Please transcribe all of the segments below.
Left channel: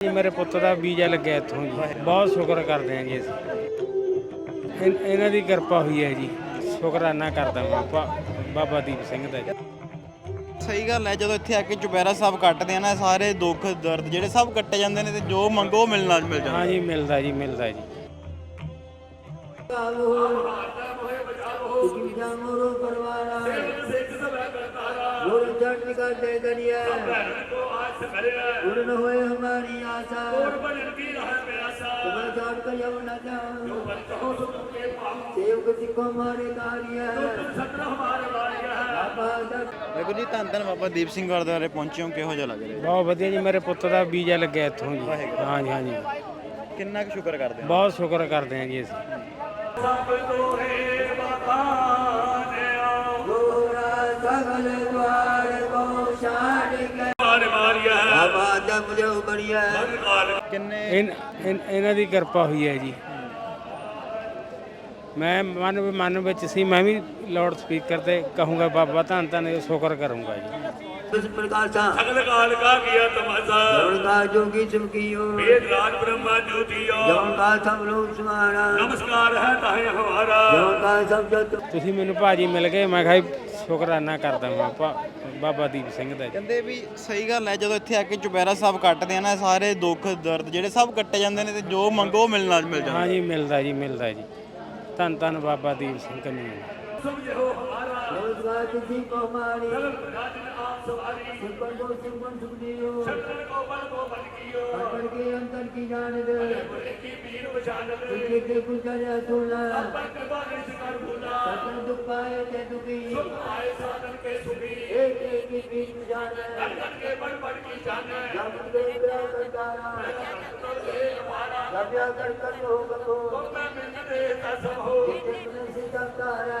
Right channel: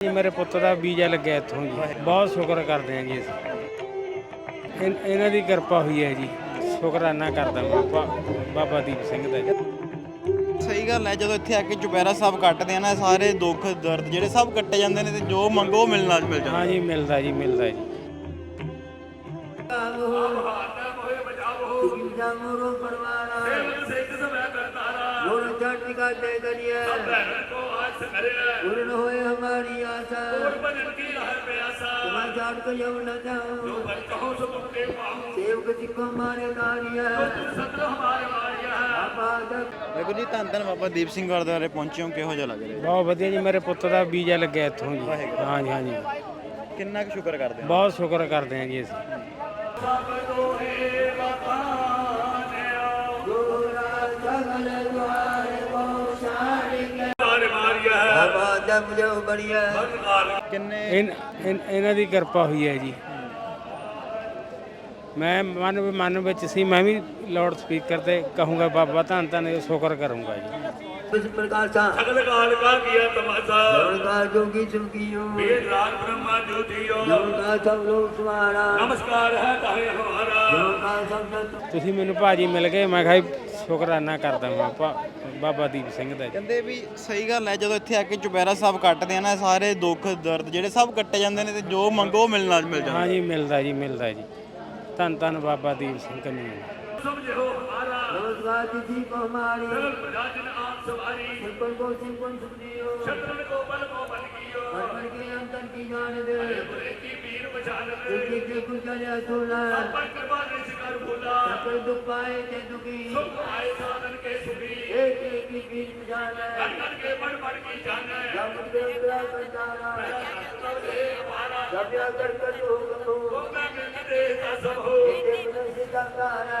ਜੀ ਮੇਰੇ ਪੁੱਤ ਦਾ ਵੀਜ਼ਾ ਲੱਗਿਆ ਇੱਥੋਂ ਜੀ ਬਹੁਤ ਸ਼ੁਕਰ ਕਰਦੇ ਹਾਂ ਜੀ ਅਸੀਂ ਇਨ- ਇਹਨਾਂ ਦੀ ਕਿਰਪਾ ਹੋਈ ਹੈ ਜੀ ਸ਼ੁਕਰਾਨਾ ਕਰਦਾ ਮੈਂ ਬਾ- ਬਾਬਾ ਦੀਪ ਸਿੰਘ ਦਾ ਜੀ ਸਹੀ ਗੱਲ ਹੈ ਜਦੋਂ ਇੱਥੇ ਆ ਕੇ ਚੁਪਹਿਰਾ ਸਾਹਿਬ ਕੱਟਦੇ ਆ ਨਾ ਸਾਰੇ ਦੁੱਖ ਦਰਦ ਜਿਹੜੇ ਸਭ ਕੱਟੇ ਜਾਂਦੇ ਨੇ ਤੇ ਜੋ ਮੰਗੋ ਉਹ ਮਿਲਣਾ ਮਿਲ ਜਾਂਦਾ ਹਾਂ ਜੀ ਮਿਲਦਾ ਜੀ ਮਿਲਦਾ ਜੀ ਗੁਰੂ ਗੁਰੂ ਚੜ੍ਹਦੀ ਕਾ ਦੇ ਕਰੀਏ ਗੁਰੂ ਹੋਏ ਹਮਾਰੀ ਆਸਾ ਤੁਮੇ ਜਾਣ ਕਰਿਓ ਨਾ ਜਾਓ ਸੇਵਕ ਸਿੱਖ ਹਮਾਰੇ ਕਾਰਿਆ ਦਾ ਵਾਹਿਗੁਰੂ ਜੀ ਧੰਨ ਧੰਨ ਬਾਬਾ ਦੀਪ ਸਿੰਘ ਗੁਰਦੁਆਰੇ ਪਹੁੰਚੇ ਹੋ ਕਿਹੋ ਜਿਹਾ ਲੱਗ ਰਿਹਾ? ਬਹੁਤ ਵਧੀਆ ਜੀ ਮੇਰੇ ਪੁੱਤ ਦਾ ਵੀਜ਼ਾ ਲੱਗਿਆ ਇੱਥੋਂ ਜੀ। ਹਾਂ ਜੀ ਹਾਂ ਜੀ ਕਿੰਨਾ ਕੁ ਸ਼ੁਕਰ ਕਰਦੇ ਬਹੁਤ ਸ਼ੁਕਰ ਕਰਦੇ ਹਾਂ ਜੀ ਅਸੀਂ। ਬੜੀਆ। ਕਿੰਨੇ ਇਹਨਾਂ ਦੀ ਕਿਰਪਾ ਹੋਈ ਹੈ ਜੀ। ਮੈਂ ਮਨ ਮਨ ਵਿੱਚ ਸੀ ਮੈਂ ਵੀ ਲਾਊਡ ਸਪੀਕਰ ਤੇ ਕਹੂੰਗਾ ਬਾਬਾ ਧੰਨ ਧੰਨ ਸ਼ੁਕਰ ਕਰੂੰਗਾ ਜੀ। ਇਸ ਪ੍ਰਕਾਰ ਸਾ सकल काल का किया तमाशा ਜਵਨ ਕਾ ਜੋਗੀ ਚੁਮਕੀਓ वेद राज ब्रह्मा ज्योतियो ਜਵਨ ਕਾ ਸਭ ਲੋਕ ਸਮਾਰਾ नमस्कार है ताहे हमारा ਜਵਨ ਕਾ ਸਭ ਜਤ ਤੁਸੀਂ ਮੈਨੂੰ ਭਾਜੀ ਮਿਲ ਗਏ ਮੈਂ ਕਿਹਾ ਜੀ ਸ਼ੁਕਰਾਨਾ ਕਰਦਾ ਮੈਂ ਭਾ- ਬਾਬਾ ਦੀਪ ਸਿੰਘ ਦਾ ਜੀ ਕਹਿੰਦੇ ਵੀ ਸਹੀ ਗੱਲ ਹੈ ਜਦੋਂ ਇੱਥੇ ਆ ਕੇ ਚੁਪਹਿਰਾ ਸਾਹਿਬ ਕੱਟਦੇ ਆ ਨਾ ਸਾਰੇ ਦੁੱਖ ਦਰਦ ਜਿਹੜੇ ਸਭ ਕੱਟੇ ਜਾਂਦੇ ਨੇ ਤੇ ਜੋ ਮੰਗੋ ਉਹ ਮਿਲਣਾ ਮਿਲ ਜਾਂਦਾ ਹਾਂ ਜੀ ਮਿਲਦਾ ਜੀ ਮਿਲਦਾ ਜੀ ਧੰਨ ਧੰਨ ਬਾਬਾ ਦੀਪ ਸਿੰਘ ਕਨੀ भगवती जी को हमारी सुपन को सुपन सुनियो अर्पण के अंतर की जान दे इनके के कुल का जा तोला सकल दुख पाए ते दुखी एक एक की बीच में जाना जान दे ग्रह कंदारा जब कर कर लोग को एक एक सीता तारा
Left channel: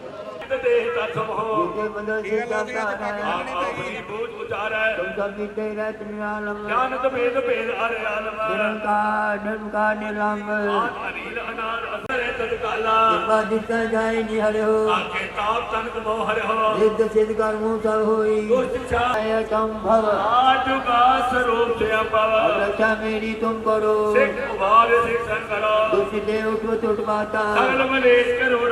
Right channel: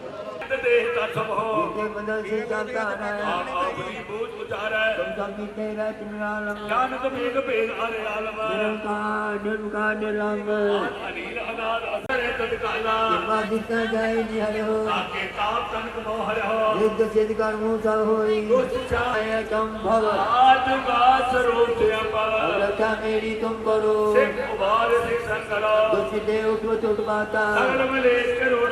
चित देह तत्सम हो आप अपनी बोझ उतारा ज्ञान तमेन भेद हर आलम निरंकार निलंब अनिल अनाद असर तत्काला कृपा दिता जाए निहर हो आपके ताप तन को हर हो सिद्ध सिद्ध कर्मों सब होई दुष्ट छाय कम भव आज बास रूप से अपव रक्षा मेरी तुम करो सिख उभार से कर करो दुष्ट देव कृत माता सकल मलेश करो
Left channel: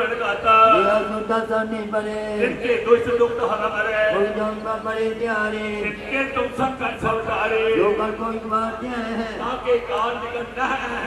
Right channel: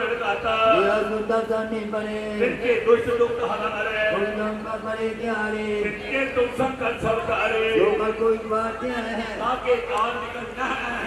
ದಾಸನಿ ಬರೆ ನಿತ್ಯ ದೋಷ ದುಃಖ ಹಲಮರೆ ಗುರುಜನ್ ಬರೆ ಪ್ಯಾರೆ ನಿತ್ಯ तुम सब कर सरकारे जो कोई बात है ताके कार निकलना है